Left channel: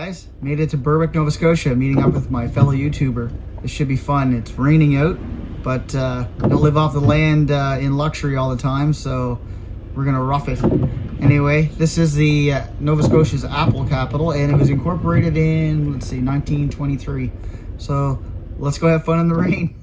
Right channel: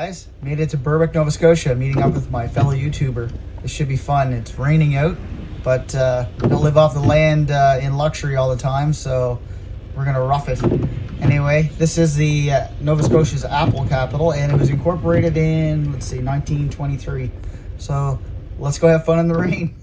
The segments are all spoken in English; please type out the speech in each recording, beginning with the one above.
Guys, made it to Berwick, Nova Scotia, meeting up with my fellow YouTuber. This should be fun. It's raining out, but we don't live off the land in luxury all the time, so we're gonna rough it. Anyway, this is the Nova Scotia's apple capital, and it was incorporated in, let's see, 1923. So let's go have fun in the rain.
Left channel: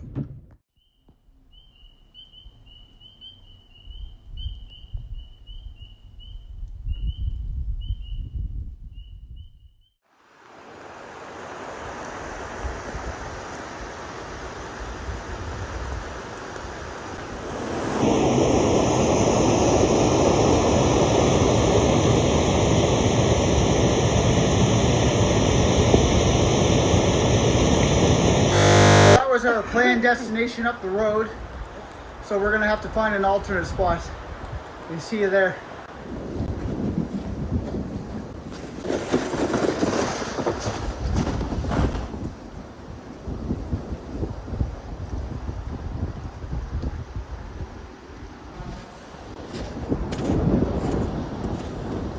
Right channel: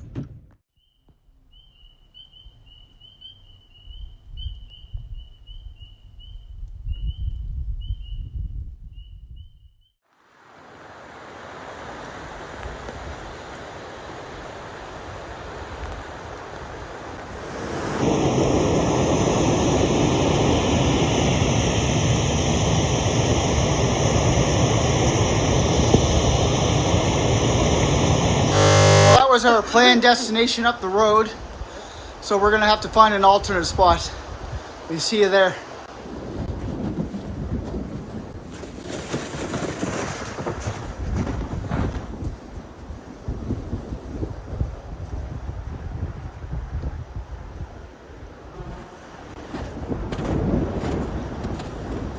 Was our planned destination up the road, so we're gonna have to find an alternate spot. We see you there.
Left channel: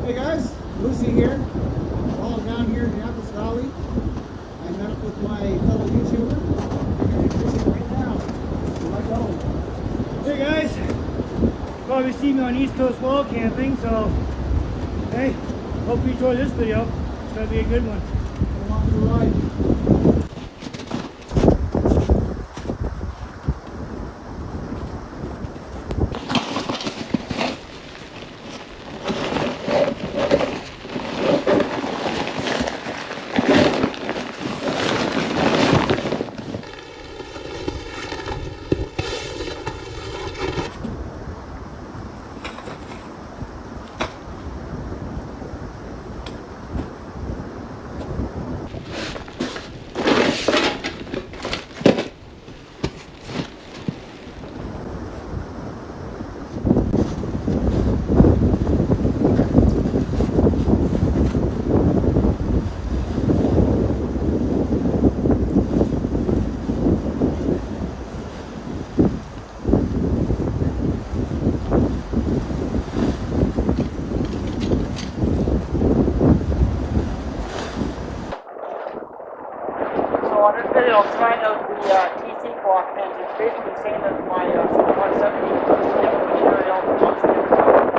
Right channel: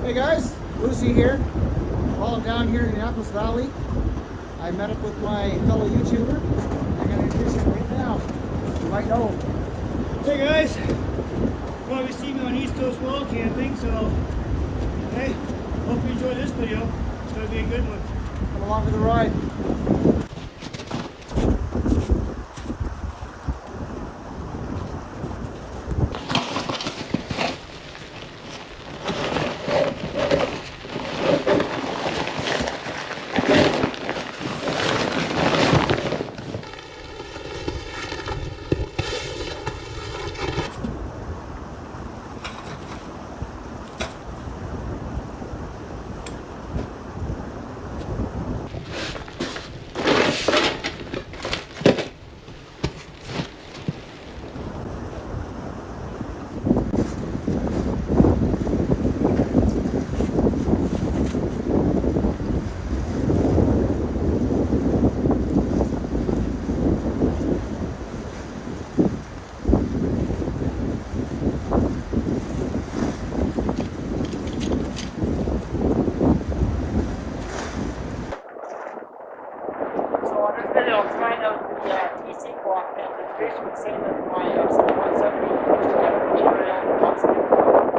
Hey guys, Lucy here. While I'm down here in the Annapolis Valley, I met up with my fellow YouTuber. I'm gonna introduce him right now. You might know him. Hey guys, probably seen me on East Coast wall camping, so hey, hope you enjoy this video. It's gonna be a good one. Come along for the ride. So on this video, I'll trying out the TC block tent. It's basically the same as my Sport Hut 70 material on skin power.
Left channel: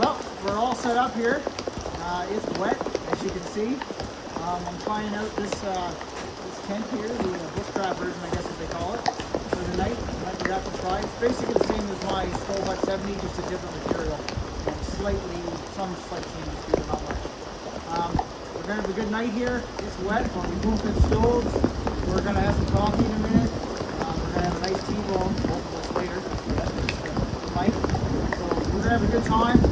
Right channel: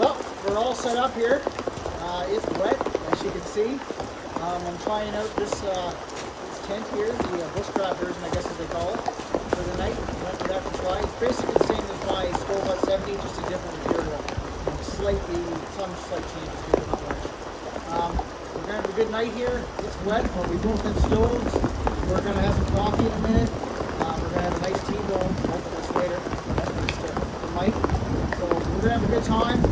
Well, we're all set up here. It's wet, as you can see. I'm trying out this tent here, the Bushcraft version, I guess as they call it, for the night. Went with that to try. It's basically the same as my Stove Hut 70, just a different material. And some slight changes to it, but not much. We're gonna have a good night here. It's wet, but we both have stoves. We're gonna have some coffee in a minute. We're gonna have a nice T-bone, both of us later. Yeah, thanks to Mike. So we're gonna have a good time.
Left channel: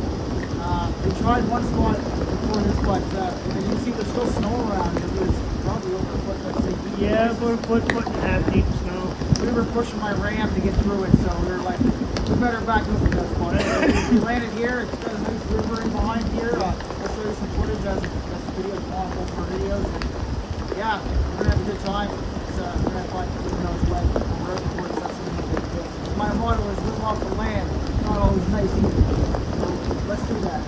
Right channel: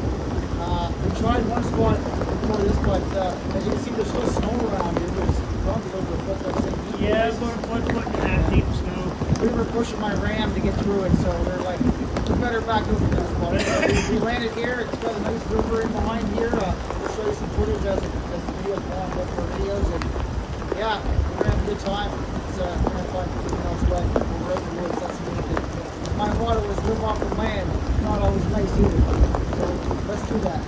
We tried one spot before this, but as you can see, there's still snow around. It was probably over a foot, let's say, deep. Yeah, it was over a foot and a half deep snow. And we were pushing my Ram to get through it, so we were like, we better back up from that spot. Anyway, we landed here. It's got a nice river in behind here. We'll show you some footage as the videos go on both of our videos. And yeah, we're gonna have a good time. We're gonna have fun, even though it's wet. But we're out in the woods. That's the main thing. Yeah. My motto is live off the land. It's not always nice either. So let's do that.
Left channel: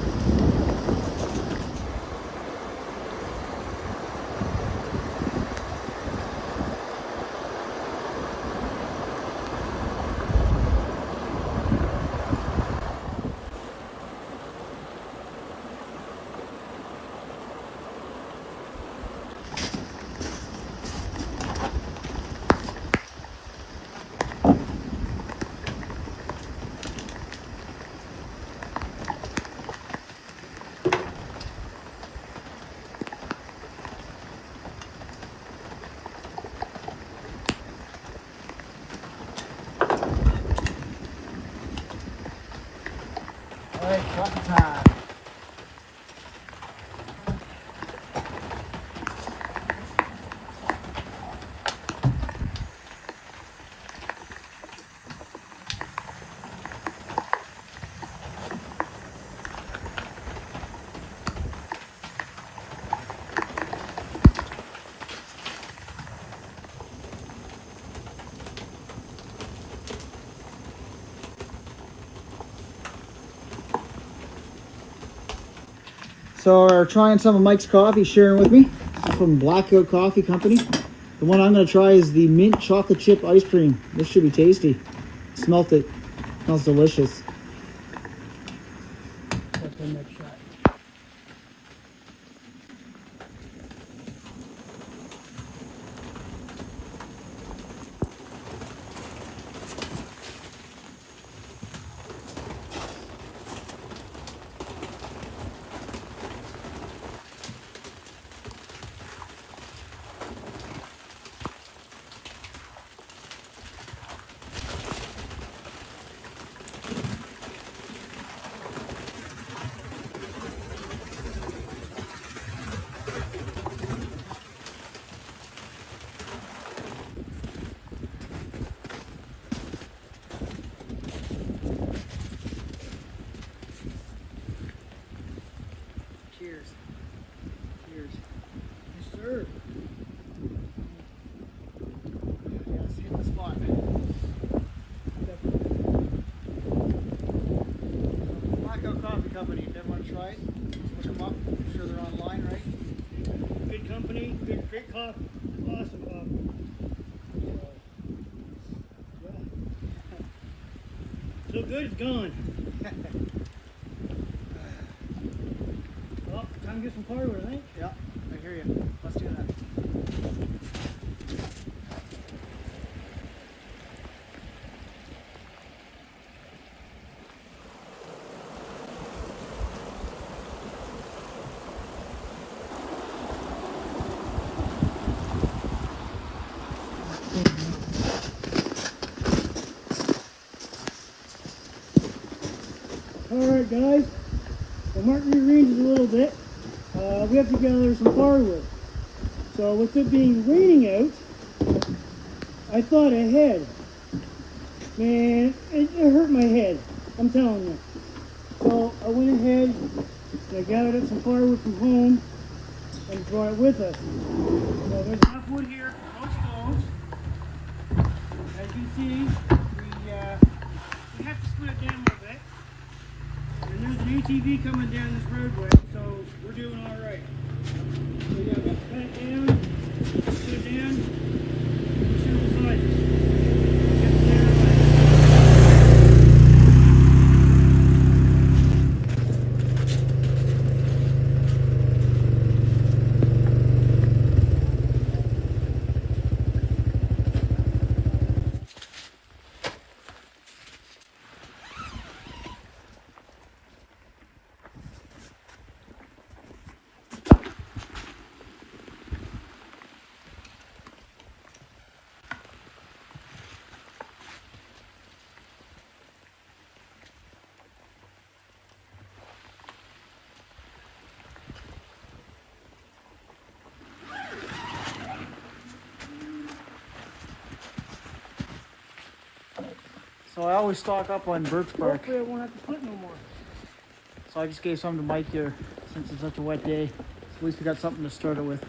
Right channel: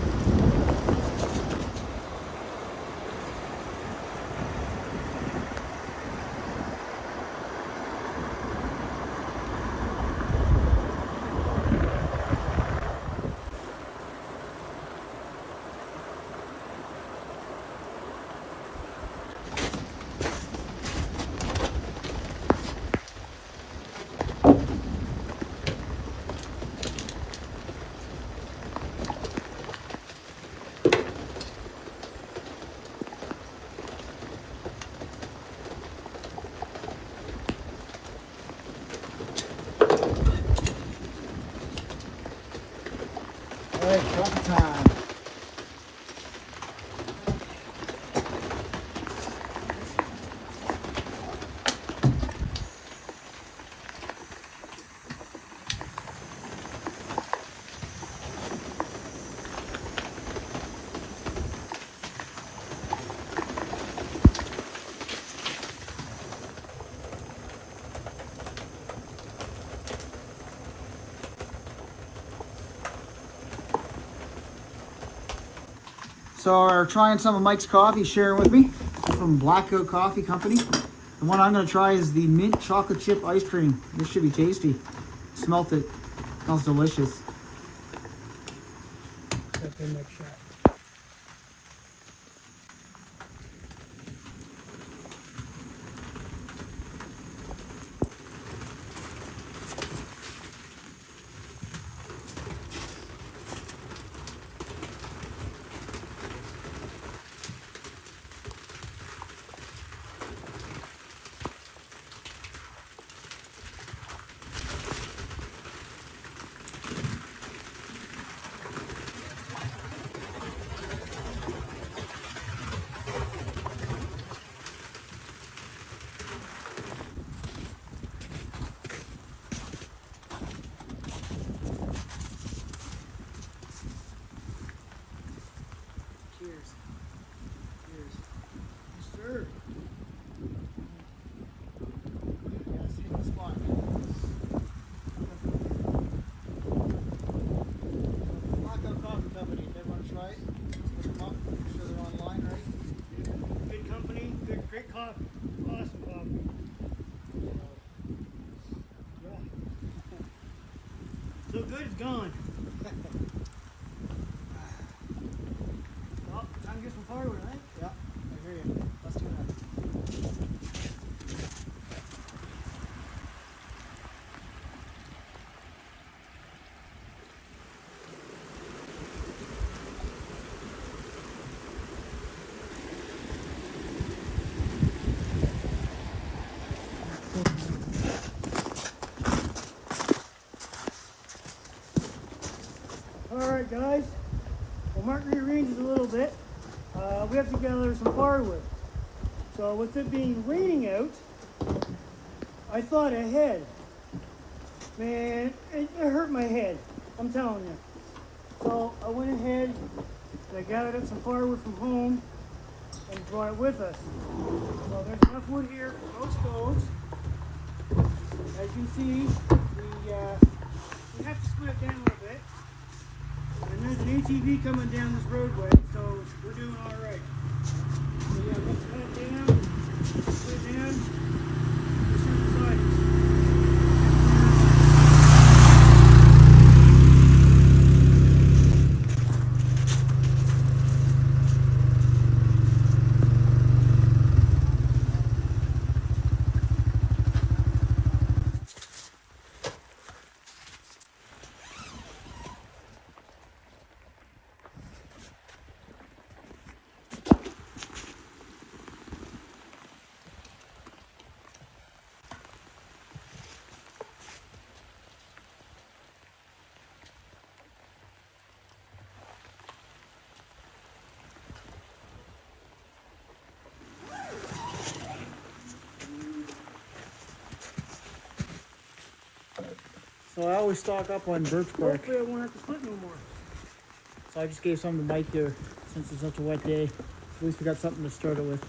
So we're trying some of Mike's coffee, sharing with me. This is from Blackout Coffee Company. The one I'm going to try is the mint chocolate chip ice cream. This should be tasty. Smelt it. Smells delicious. Cheers. Cheers. Yes, sir. Yeah, let's hit the spot. Definitely. Blackout Coffee Company, if everyone tried, look them up. I'm sure they're online, right? Good company, great coffee. Awesome coffee. So, yeah. So good, it's gone. Well, time to get some firewood, I think. Yeah, I hear you. Let's do that. Alright guys, the mark rearranges a little bit. We have to gather some firewood. So with it being raining out, I thought ahead. Man, it hurt my head, I'm telling you. So I went ahead and I gathered up some firewood from home and brought it with us. So there's enough wood here for both stoves. As you can see, we have to split it down a little bit. And there's an ATV coming down this roadway, so we're doing all right. So yeah, we have to cut it down, put it down, push it beside us. Get it later on. So I always stock up on birch bark. Hopefully I won't have to split no more. So I just gave some to Mike here since it's such a wet day. At least we got something to start it with.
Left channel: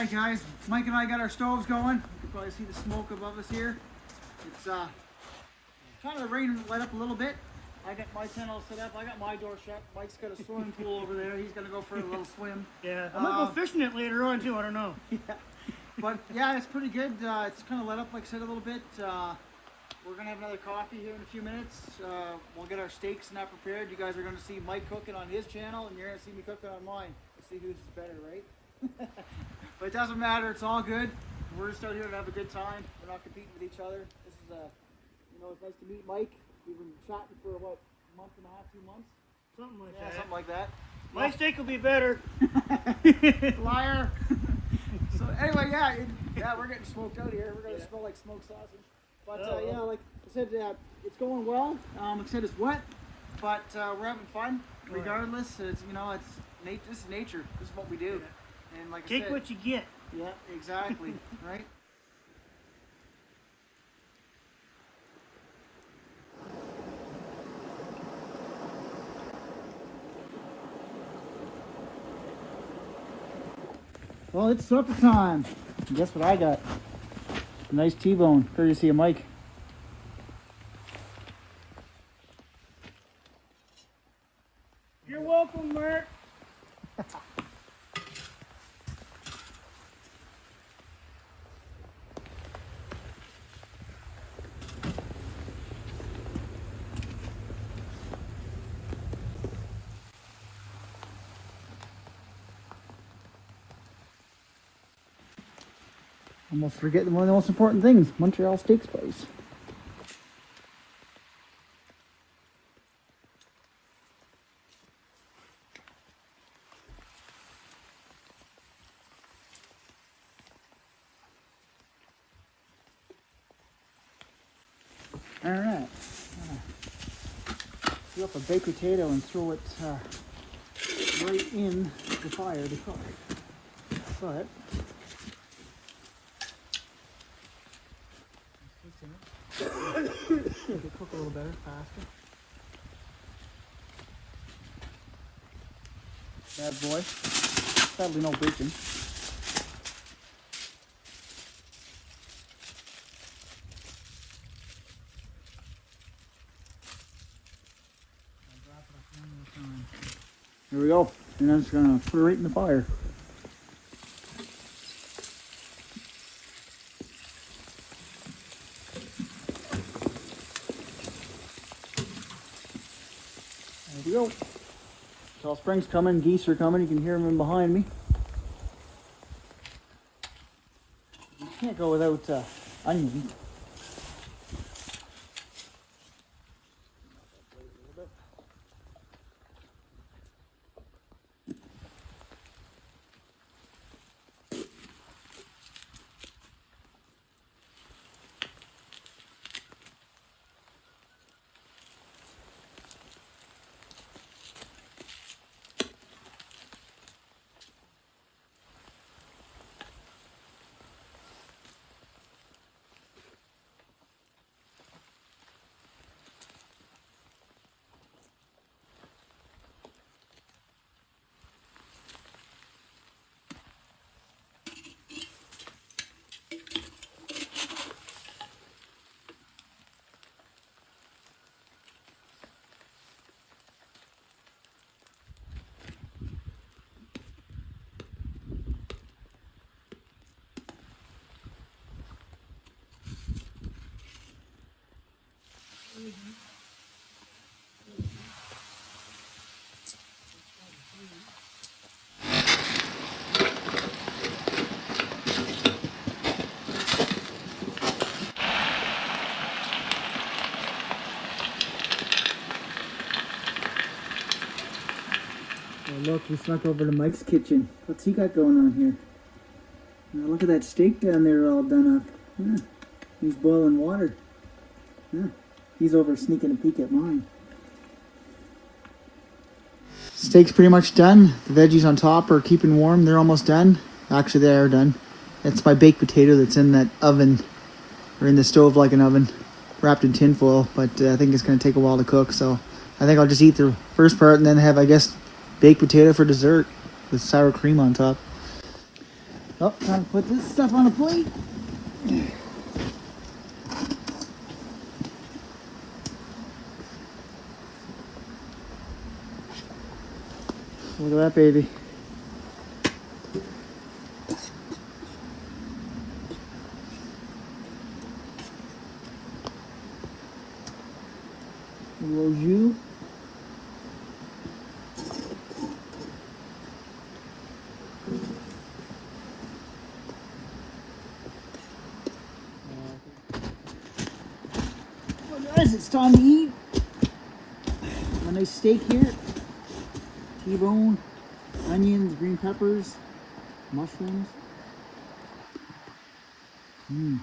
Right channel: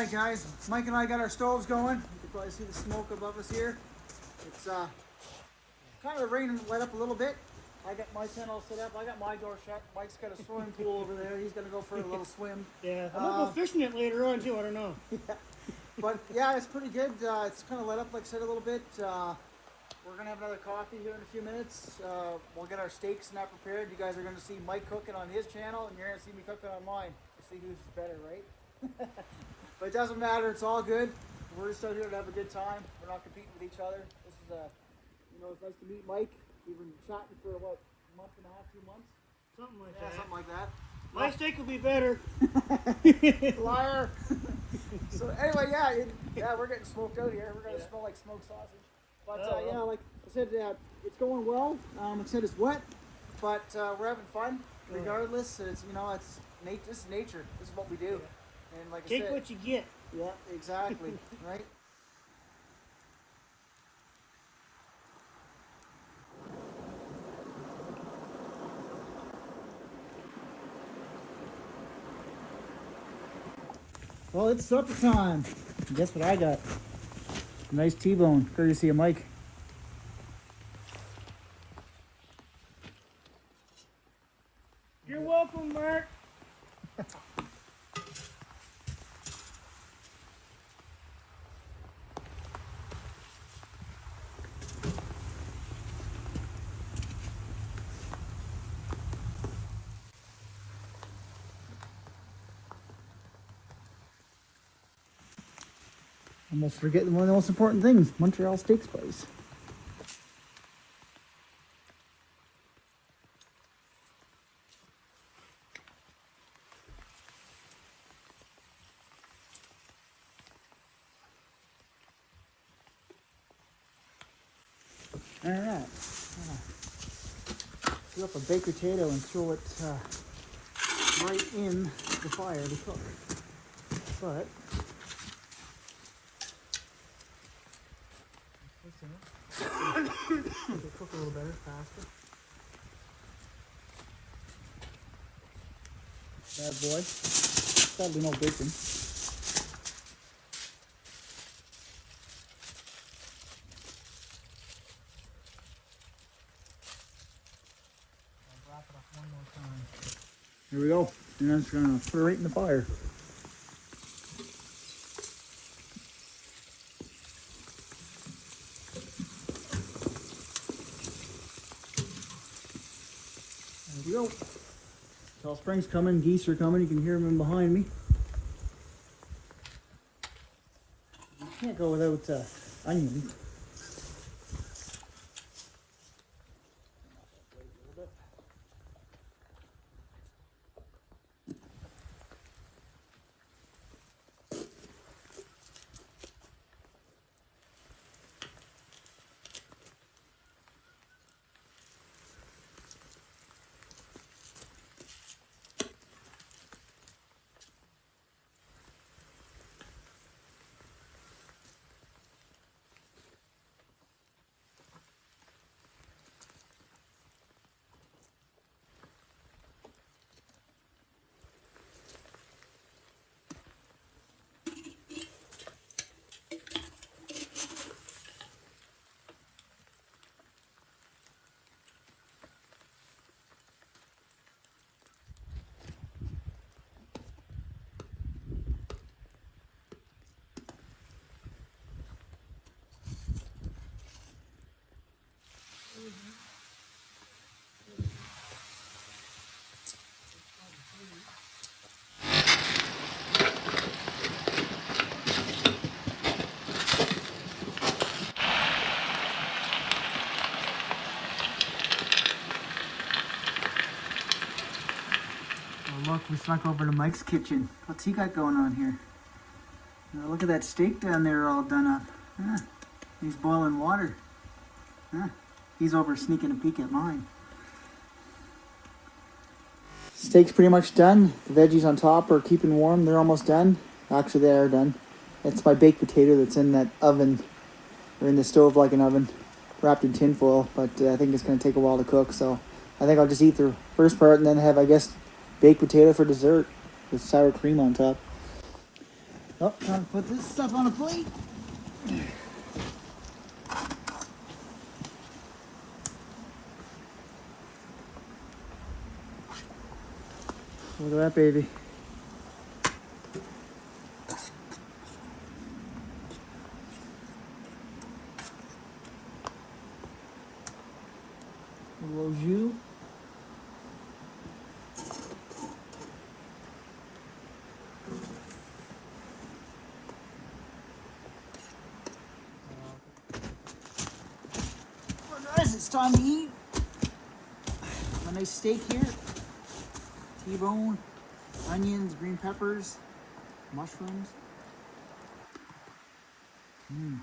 right, guys, Mike and I got our stoves going. You can probably see the smoke above us here. It's kind of the rain let up a little bit. I got my tent all set up. I got my door shut. Mike's got a swimming pool over there. He's gonna go for a little swim. Yeah, I might go fishing it later on too. I don't know. Yeah, but yeah, it's pretty good. It's kind of let up, like I said, a little bit. We're gonna have another coffee here in a few minutes. We'll get our steaks and that prepared. You guys are gonna see Mike cooking on his channel, and you're gonna see me cooking on mine. Let's see who's better, right? But it doesn't matter. It's all good. We're just out here to have a good time. We're not competing with each other. This is it's nice to meet Mike. We've been chatting for what, a month and a half, 2 months? Something like Yeah, that. something like that. My steak will be better. Liar. So anyway, yeah, we're getting smoked out here. We're gonna smell like smoked sausage. But yeah, like I said, it's going well. Like I said, it's wet, but we're having fun regardless. It's this is nature. This is what we do. Yeah. And like I said, take what you get. Yeah, exactly. Right. Well, it's supper time. And guess what I got? A nice T-bone, courtesy of Mike. You're welcome, Mark. Almost forgetting one of the most important things, Montreal steak spice. All right, do up a baked potato and throw it right in the fire to cook. But what's in it? Make it cook a little better, faster. Bad boy. Sadly, no bacon. I'll wrap it up one more time. There we go. And I'm just gonna put it right in the fire. There we go. Tall Springs coming, geese are coming, you can hear them in behind me. You can't go without onions. Oh, look, we snuck over to Mike's kitchen. What's he got going on here? Now look at that steak down there all done up. He's boiling water. He's over sneaking a peek at mine. Steak's pretty much done. The veggies on top are keeping warm. They're almost done. Actually, they are done. It's my baked potato that's in that oven, or in the stove like an oven, wrapped in tin foil, but I think it's going to take a while to cook, so I think I'll just eat the first part and then have, I guess, baked potato for dessert with sour cream on top. Oh, time to put this stuff on a plate. Look at that baby. Little jus. Well, guys, it's time to eat. A nice steak here. T-bone, onions, green peppers, mushrooms. Mmm.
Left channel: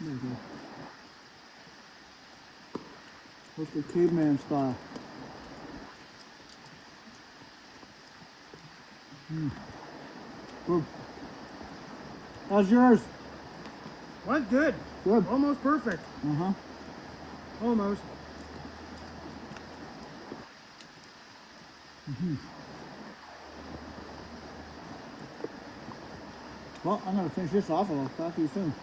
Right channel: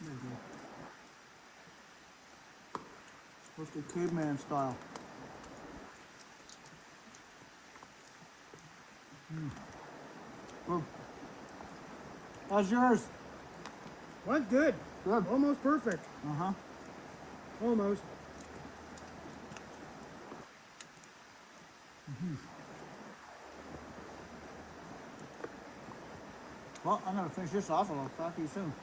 There we go. That's the caveman style. Mmm. Good. How's yours? What? Good. Good. Almost perfect. Uh-huh. Almost. Mm-hmm. Well, I'm going to finish this off and I'll talk to you soon.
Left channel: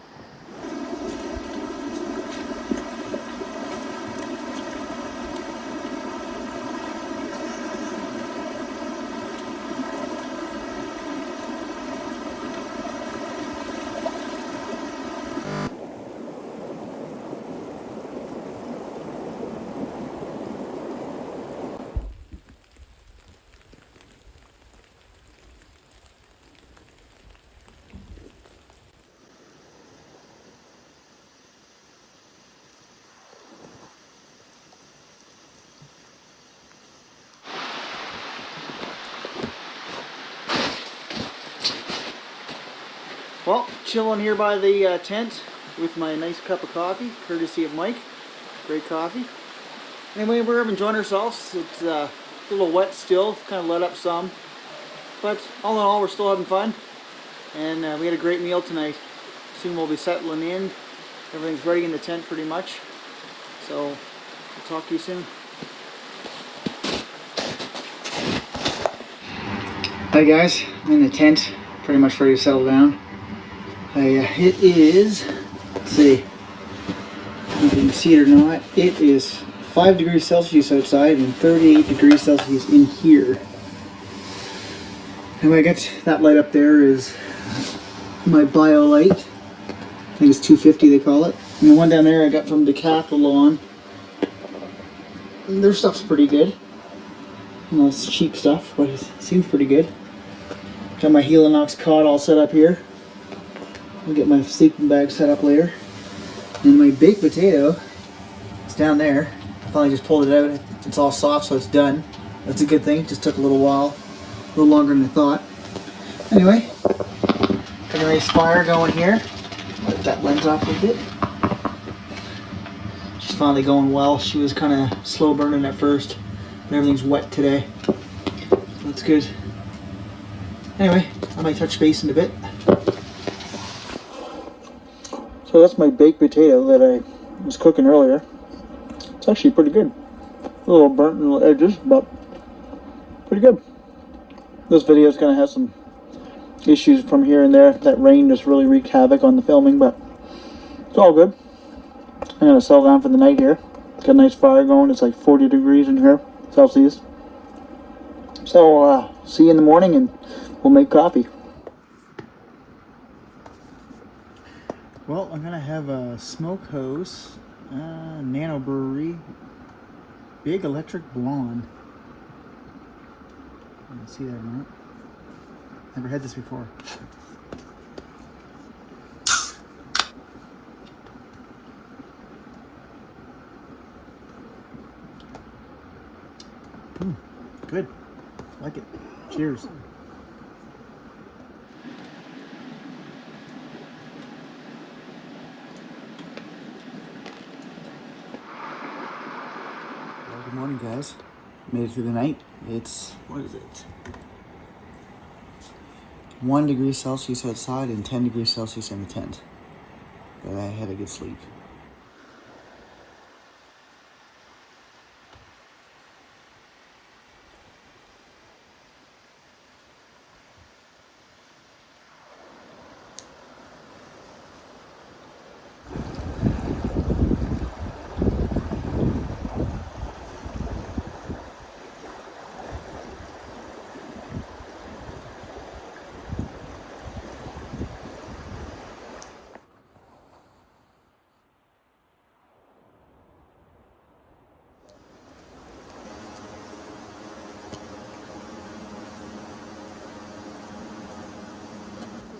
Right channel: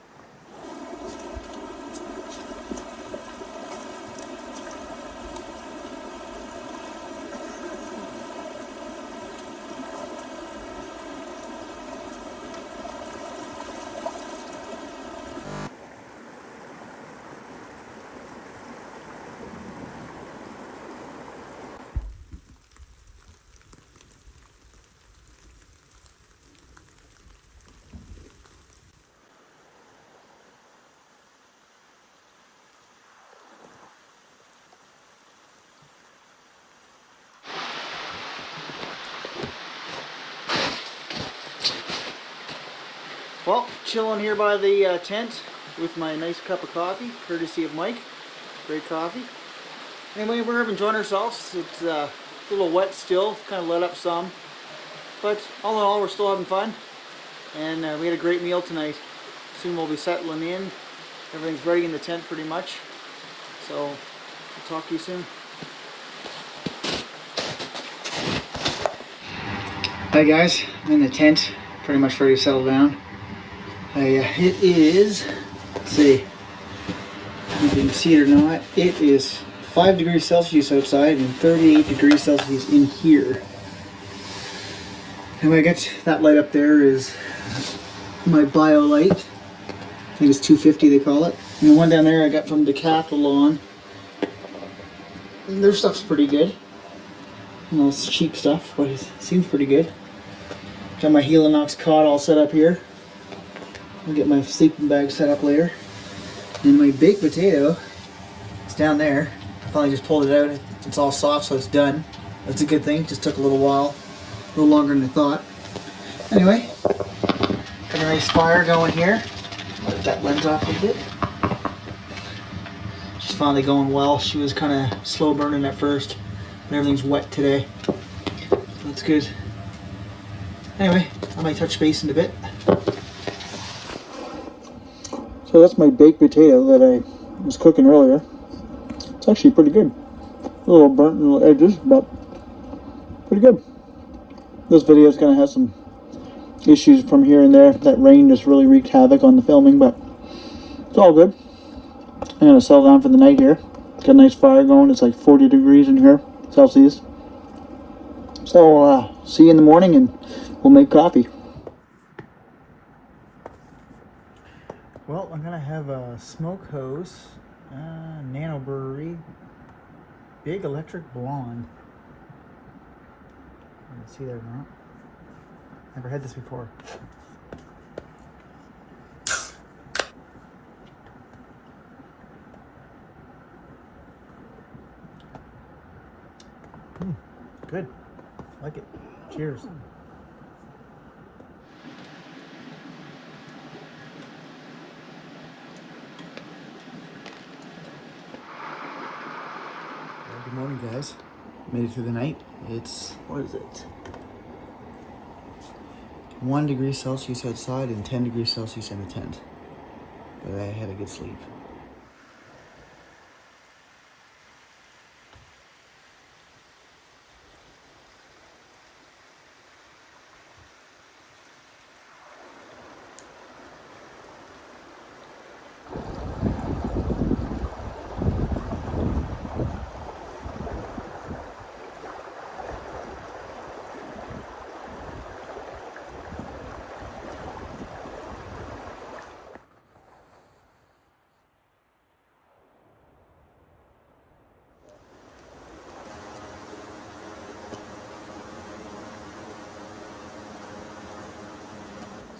Well, chilling here by the tent with my nice cup of coffee, courtesy of Mike. Great coffee. Anyway, we're enjoying ourselves. It's a little wet still, kind of let up some. But all in all, we're still having fun. And we had a great meal tonight. Soon we'll be settling in. Everything's ready in the tent pretty much. So, I'll talk to you soon. Hi guys, I'm in the tent, pretty much ready to settle down. It is, let's see if you can see it or not, it is 5 degrees Celsius outside and 38 degrees Celsius in here. And when I get that light up there is my bio light. I think it's 250 they call it. And the one down there I got from Decathlon. And their stuff's pretty good. You know, it's cheap stuff, but it seems pretty good. Got my Helinox cot all set up here. I'll get my sleeping bag set up later. And my baked potato is down there. I finally just pulled it out. It's all soft, so it's done. That's a good thing. It just took a little while. A little longer than I thought. Anyway, got a nice fire going here. Let that lens off a bit. She's finally going well. She was kind of slow burning at first, but everything's wet today. So that's good. Anyway, I might touch base in a bit. So that's my baked potato that I was cooking earlier. It's actually pretty good. A little burnt in the edges, but pretty good. This video is going to have some issues from here and there. That rain just really wreaked havoc on the filming, but it's all good. I'm going to settle down for the night here. Got a nice fire going. It's like 40 degrees in here, Celsius. So see you in the morning and we'll make coffee. Well, I'm gonna have a Smokehouse Nano Brewery Big Electric Blonde. You can see that or not? Never had this before. Good. Like it. Cheers. Good morning, guys. Made it through the night. It's, what is it? 1 degree Celsius outside and 10 degrees Celsius in the tent. But I had a good sleep.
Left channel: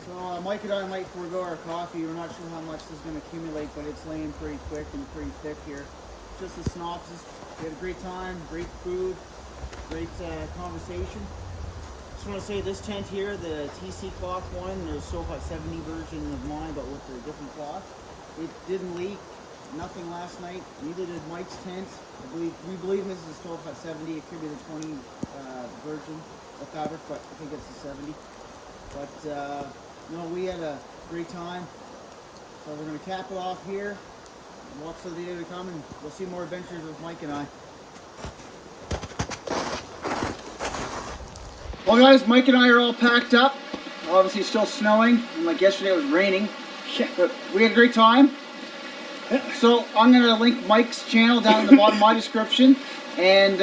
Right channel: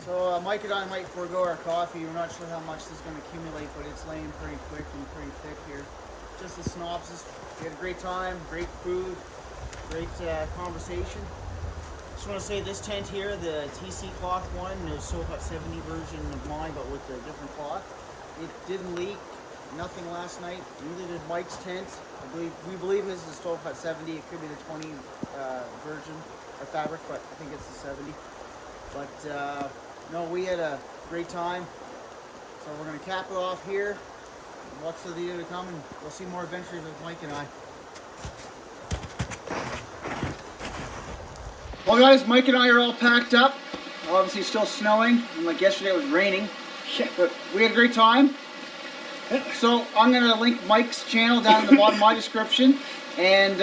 So Mike and I might forego our coffee. We're not sure how much this is going to accumulate, but it's laying pretty quick and pretty thick here. Just a synopsis. We had a great time, great food, great conversation. Just want to say this tent here, the TC cloth one, the Stove Hut 70 version of mine, but with a different cloth. It didn't leak, nothing last night. Neither did Mike's tent. We believe his is a Stove Hut 70. It could be the 20 version of fabric, but I think it's the 70. But no, we had a great time. So we're gonna cap it off here. Watch for the video to come, and you'll see more adventures with Mike and I. Well guys, Mike and I are all packed up. Obviously it's still snowing, and like yesterday it was raining. But we had a great time. So I'm gonna link Mike's channel down in the bottom of my description, and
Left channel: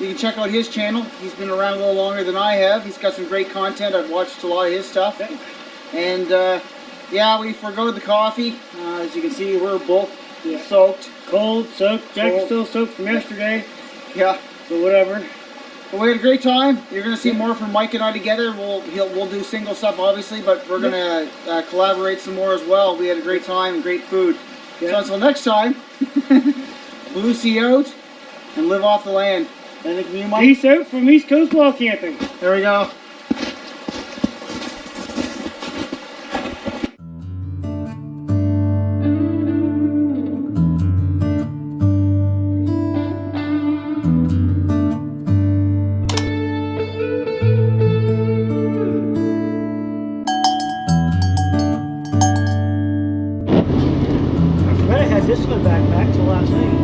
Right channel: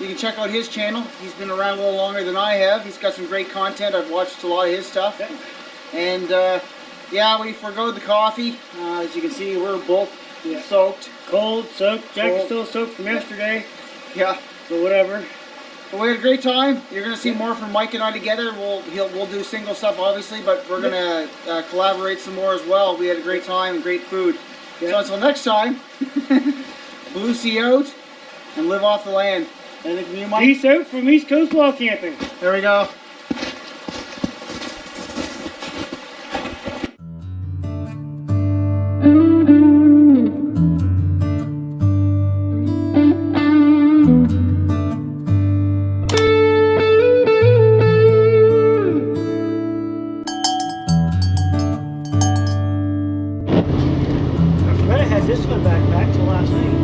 you can check out his channel. He's been around a little longer than I have. He's got some great content. I've watched a lot of his stuff. And yeah, we forgo the coffee. As you can see, we're both soaked. Cold, soaked. Jack's still soaked from yesterday. Yeah. So whatever. But we had a great time. You're going to see more from Mike and I together. We'll do single stuff, obviously, but we're going to collaborate some more as well. We had a great time and great food. So until next time, Blue Sea out and live off the land. Anything from you, Mike? Peace out from East Coast Wall Camping. There we go. I had this one back till last night.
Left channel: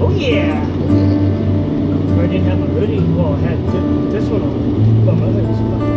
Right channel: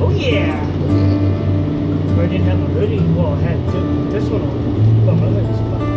Oh yeah! I didn't have a hoodie. Well, I had this one on, but my other was fucking